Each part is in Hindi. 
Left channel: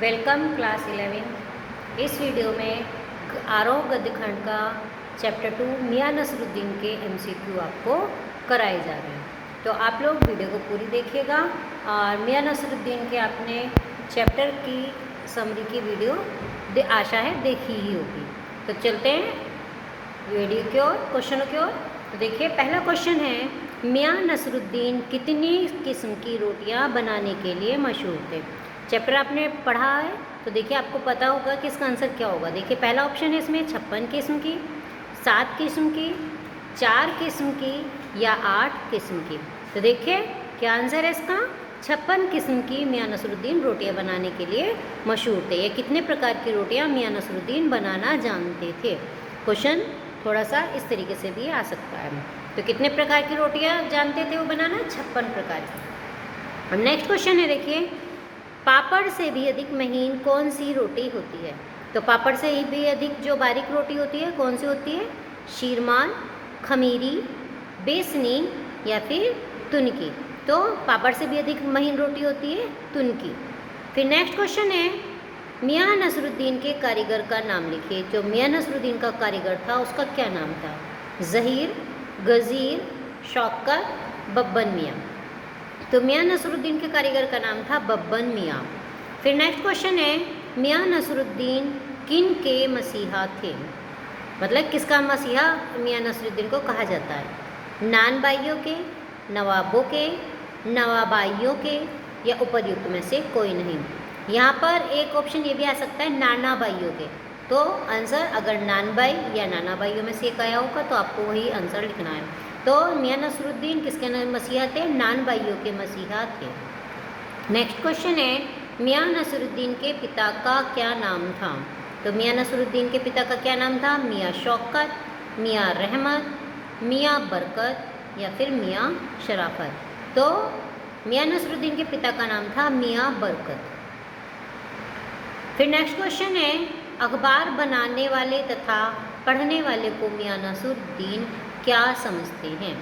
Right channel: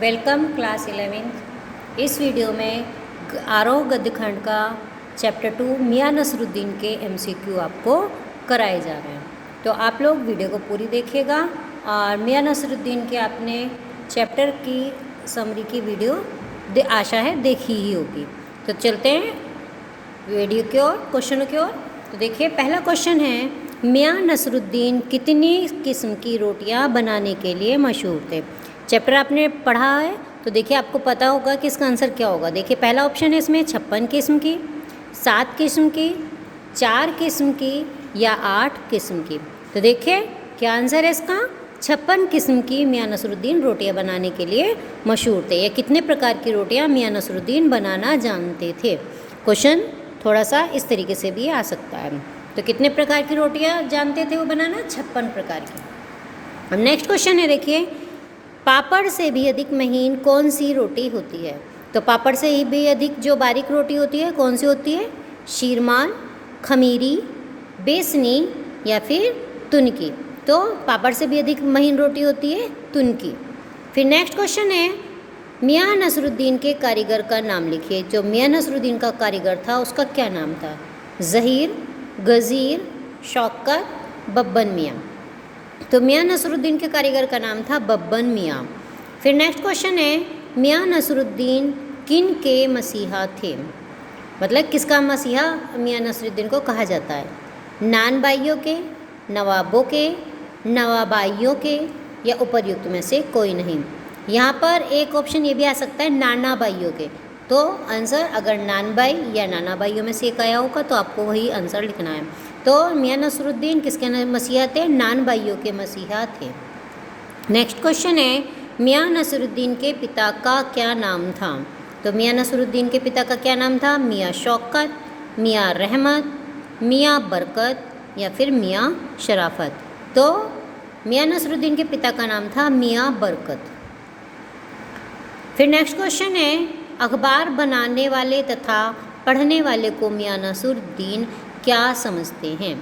Welcome class 11th। इस वीडियो में आरोह गद्य खंड का चैप्टर 2 मियां नसरुद्दीन के MCQ आपको कराए जा रहे हैं। तो आप लोग वीडियो को पूरी देखिएगा और मियां नसरुद्दीन के आपने चैप्टर की समरी की वीडियो आशा है देखी ही होगी। तो चलते हैं वीडियो की ओर, क्वेश्चनों की ओर। तो देखिए, पहला क्वेश्चन है, मियां नसरुद्दीन कितनी किस्म की रोटियां बनाने के लिए मशहूर थे। चैप्टर आपने पढ़ा है तो देखिए आपको पता होगा कि इसका आंसर क्या होगा। देखिए, पहला ऑप्शन है इसमें 56 किस्म की, 7 किस्म की, 4 किस्म की या 8 किस्म की। तो देखिए क्या आंसर है इसका, 56 किस्म की मियां नसरुद्दीन रोटियां बनाने के लिए मशहूर थे। या कितने प्रकार की रोटियां मियां नसरुद्दीन बनाना जानते थे। क्वेश्चन थोड़ा सा इस तरीके से भी आ सकता है। तो कितने प्रकार की रोटियां जानते थे वो बनाना, 56 प्रकार की। अब नेक्स्ट क्वेश्चन है, देखिए, पापड़ से भी अधिक महीन कौन सी रोटी होती है। तो पापड़ से ही भी अधिक जो बारीक रोटी होती है कौन सी होती है, शीरमान, खमीरी, बेसनी या फिर तुनकी। तो पापड़ से भी अधिक महीन रोटी होती है तुनकी। फिर नेक्स्ट क्वेश्चन है, मियां नसरुद्दीन के कारीगर का नाम लिखिए। जो मियां नसरुद्दीन का कारीगर था उसका क्या नाम था, ज़हीर, गज़ीर, शौकत, बब्बन मियां। तो मियां नसरुद्दीन के कारीगर का नाम था बब्बन मियां। फिर नेक्स्ट क्वेश्चन है, मियां नसरुद्दीन किन के मसीहा थे। मतलब किसका मसीहा मियां नसरुद्दीन को कहा जाता है, नान बाइयों के, नवाबों के, नवाबाइयों के या उपर्युक्त में से कोई नहीं। यहाँ पर एक ऑप्शन ये भी आ सकता है, नाना बाइयों के। तो आंसर अगर नान बाई या नाना बाइयों में से एक आया होगा तो आपको वही आंसर लिखना है। तो मियां नसरुद्दीन किसके मसीहा थे, नान बाइयों के मसीहा थे। नेक्स्ट क्वेश्चन है, मियां नसरुद्दीन के पिता का क्या नाम था। तो मियां नसरुद्दीन के पिता का क्या नाम था, मियां शौकत, मियां रहमत, मियां बरकत या फिर मियां शराफत। तो मियां नसरुद्दीन के पिता का नाम था मियां बरकत। फिर नेक्स्ट क्वेश्चन है, अखबार बनाने वाले तथा पढ़ने वाले को मियां नसरुद्दीन क्या समझते हैं।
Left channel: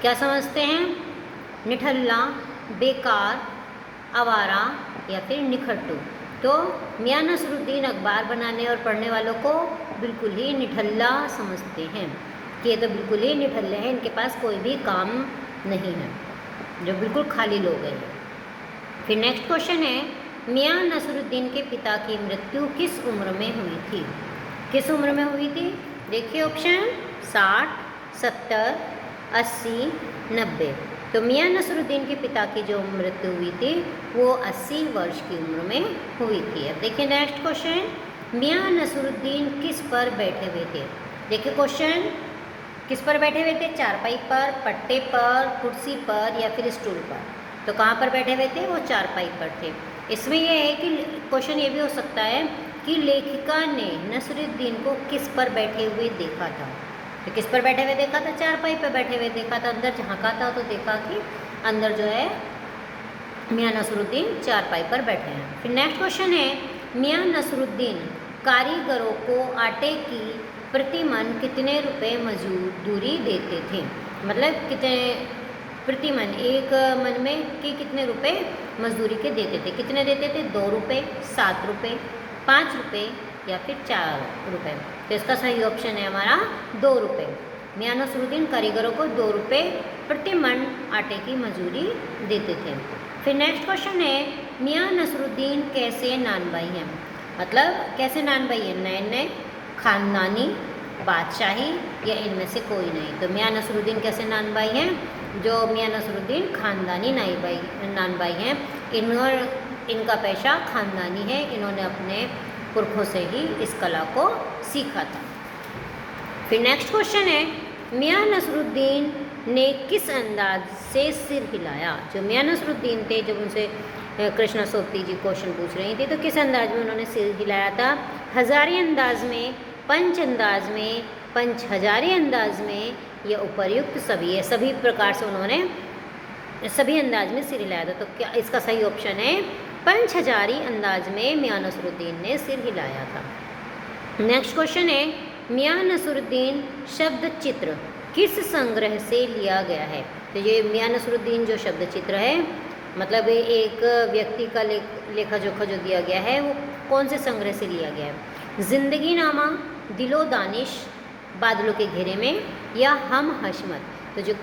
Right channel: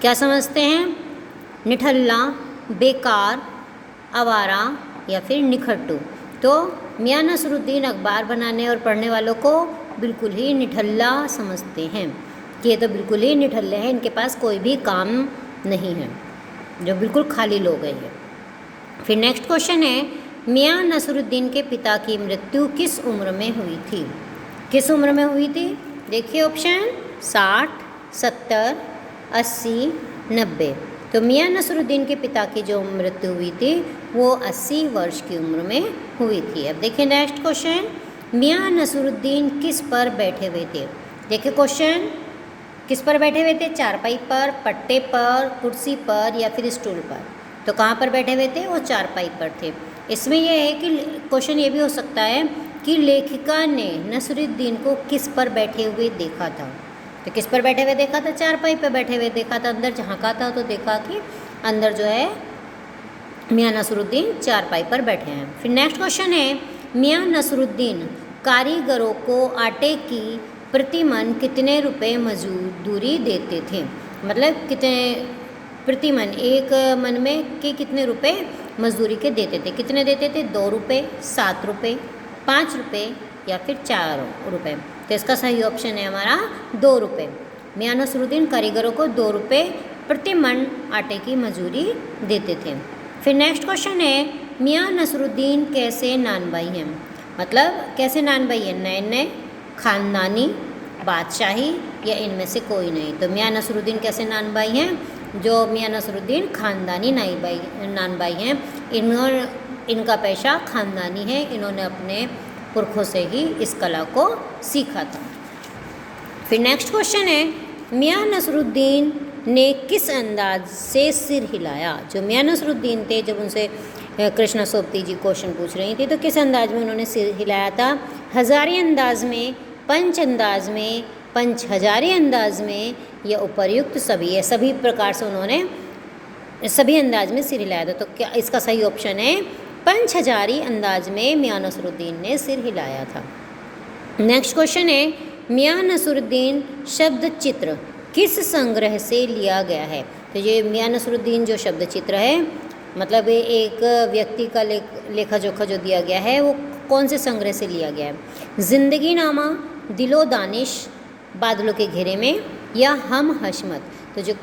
क्या समझते हैं, निठल्ला, बेकार, आवारा या फिर निखट्टू। तो मियां नसरुद्दीन अखबार बनाने और पढ़ने वालों को बिल्कुल ही निठल्ला समझते हैं कि ये तो बिल्कुल ही निठल्ले हैं, इनके पास कोई भी काम नहीं है, जो बिल्कुल खाली लोग हैं। फिर नेक्स्ट क्वेश्चन है, मियां नसरुद्दीन के पिता की मृत्यु किस उम्र में हुई थी। किस उम्र में हुई थी, देखिए ऑप्शन 60, 70, 80, 90। तो मियां नसरुद्दीन के पिता की जो मृत्यु हुई थी वो 80 वर्ष की उम्र में हुई थी। अब देखिए नेक्स्ट क्वेश्चन, मियां नसरुद्दीन किस पर बैठे हुए थे। देखिए क्वेश्चन, किस पर बैठे हुए थे, चारपाई पर, पट्टे पर, कुर्सी पर या फिर स्टूल पर। तो कहाँ पर बैठे हुए थे, वो चारपाई पर थे। इसमें यह है कि क्वेश्चन ये भी हो सकता है कि लेखिका ने नसरुद्दीन को किस पर बैठे हुए देखा था। तो किस पर बैठे हुए देखा था, चारपाई पर बैठे हुए देखा था। अंदर झांका था तो देखा कि अंदर जो है मियां नसरुद्दीन चारपाई पर बैठे हैं। फिर नेक्स्ट क्वेश्चन है, मियां नसरुद्दीन कारीगरों को आटे की प्रतिमन कितने रुपए मजदूरी देते थे। मतलब कितने प्रतिमन, एक मन में कि कितने रुपए मजदूरी के देते थे। कितने देते थे, 2 रुपये, 7 रुपये, 5 रुपये या फिर 4 रुपये। तो इसका सही ऑप्शन है हमारा 2 रुपये। मियां नसरुद्दीन कारीगरों को 2 रुपये प्रति मन आटे की मजदूरी देते थे। फिर नेक्स्ट क्वेश्चन है, मियां नसरुद्दीन कैसे नानबाई हैं। मतलब कैसे नानबाई हैं, नए नए, खानदानी, बादशाही या इनमें से कोई नहीं। तो मियां नसरुद्दीन कैसे नानबाई हैं, जो मियां नसरुद्दीन खानदानी नानबाई हैं। इनका पेशा खानदानी है, इन्होंने अपने पुरखों से ही इस कला को सीखा था। फिर नेक्स्ट क्वेश्चन है, मियां नसरुद्दीन ने किस अंदाज से सिर हिलाया। जो मियां नसरुद्दीन थे, जब उनसे कृष्णा सोबती जी क्वेश्चन पूछ रही थी तो किस अंदाज में उन्होंने सिर हिलाया था, हजारी अंदाज में, पंच अंदाज में, पंच हजारी अंदाज में या उपर्युक्त सभी। है सभी प्रकार से उन्होंने सभी अंदाज में सिर हिलाया था। तो क्या इसका सही ऑप्शन है, पंच हजारी अंदाज में मियां नसरुद्दीन ने सिर हिलाया था। नेक्स्ट क्वेश्चन है, मियां नसरुद्दीन शब्द चित्र किस संग्रह से लिया गया है। तो ये मियां नसरुद्दीन जो शब्द चित्र है मतलब ये एक व्यक्ति का लेखा जोखा जो दिया गया है वो कौन से संग्रह से लिया गया है? ज़िंदगी नामा, दिलो दानिश, बादलों के घेरे में या हम हशमत। तो जो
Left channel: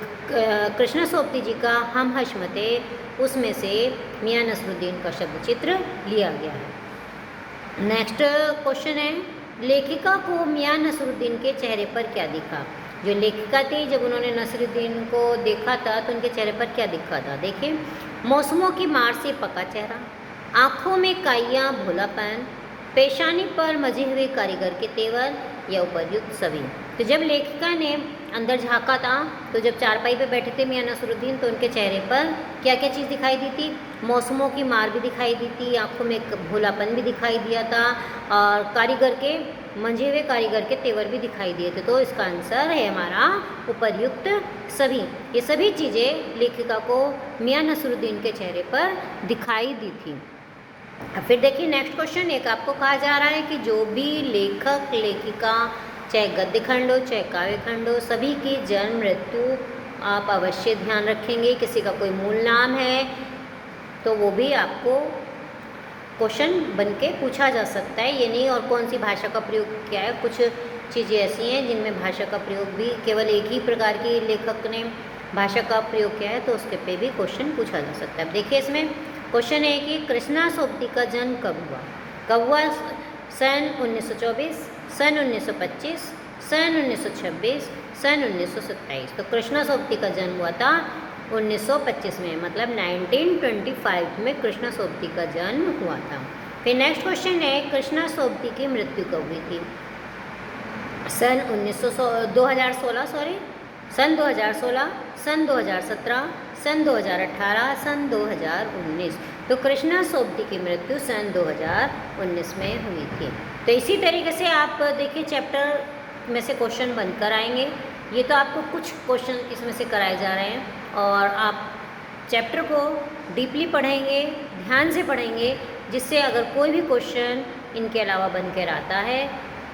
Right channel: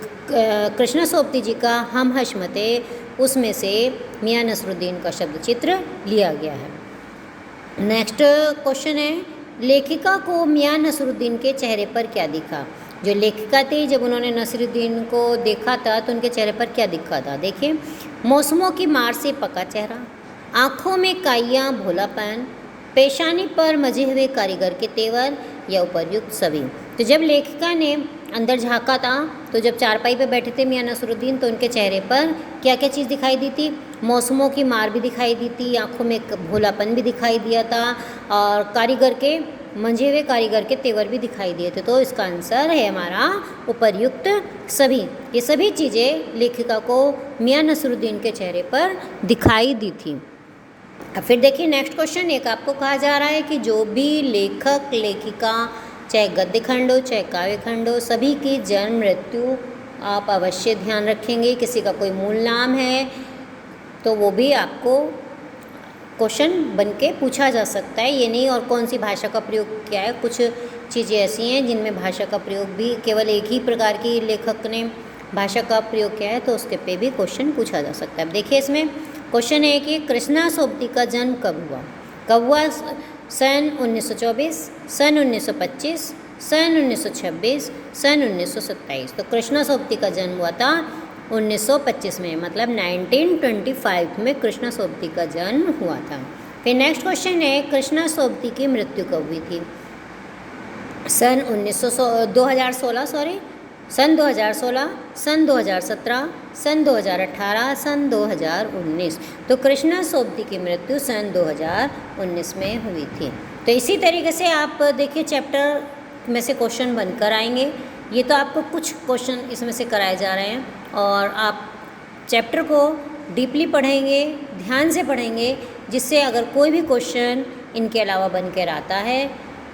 कृष्णा सोबती जी का हम हशमत है उसमें से मियां नसरुद्दीन का शब्द चित्र लिया गया है। नेक्स्ट क्वेश्चन है, लेखिका को मियां नसरुद्दीन के चेहरे पर क्या दिखा? जो लेखिका थी जब उन्होंने नसरुद्दीन को देखा था तो उनके चेहरे पर क्या दिखा था? देखिए, मौसमों की मार से पका चेहरा, आँखों में काइयाँ भोलापन, पेशानी पर मजे हुए कारीगर के तेवर या उपर्युक्त सभी। तो जब लेखिका ने अंदर झाँका था तो जब चारपाई पे बैठे थे मियां नसरुद्दीन तो उनके चेहरे पर क्या क्या चीज़ दिखाई दी थी? मौसमों की मार भी दिखाई दी थी, आँखों में भोलापन भी दिखाई दिया था और कारीगर के मंझे हुए कारीगर के तेवर भी दिखाई दिए थे। तो इसका आंसर है हमारा उपर्युक्त सभी। ये सभी चीज़ें लेखिका को मियां नसरुद्दीन के चेहरे पर दिखाई दी थी। अब फिर देखिए नेक्स्ट क्वेश्चन, एक आपको कहा जा रहा है कि जो भी लेखक लेखिका चाहे गद्य खंड हो चाहे काव्य खंड हो सभी की जन्म मृत्यु आप अवश्य ध्यान रखेंगे। किसी का कोई मूल नाम है तो वो भी आपको क्वेश्चन बन के पूछा जा सकता है, ये नहीं और कौन सी भाषा का प्रयोग किया है। कुछ चीज़ें ऐसी हैं जिनमें भाषा का प्रयोग भी केवल एक ही प्रकार की लेखक ने भाषा का प्रयोग किया है तो उसके पे भी क्वेश्चन पूछा जा सकता है। अब देखिए इसमें क्वेश्चन है कि कृष्णा सोबती का जन्म कब हुआ? कब हुआ? सन 1924, सन 1925, सन 1926, सन 1927। तो कृष्णा सोबती का जन्म हुआ था 1925 में, मतलब 1925 में कृष्णा सोबती का जन्म हुआ था। फिर नेक्स्ट क्वेश्चन है, कृष्णा सोबती की मृत्यु कब हुई थी? सन 2016, सन 2016, सन 2017, सन 2018, सन 2019। तो कृष्णा सोबती की मृत्यु सन 2019 में हुई थी। तो इसी तरीके से आप देखिए चैप्टर में से क्वेश्चन बनकर आएंगे। ये तो आपको कुछ क्वेश्चन इसमें से कराए जा रहे हैं और आप चैप्टर को डीपली पढ़ेंगे, ध्यान से पढ़ेंगे, जिससे अगर कोई भी क्वेश्चन इनके अलावा बनकर आता है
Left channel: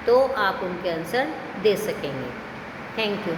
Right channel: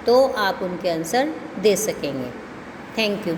तो आप उनके आंसर दे सकेंगे। Thank you.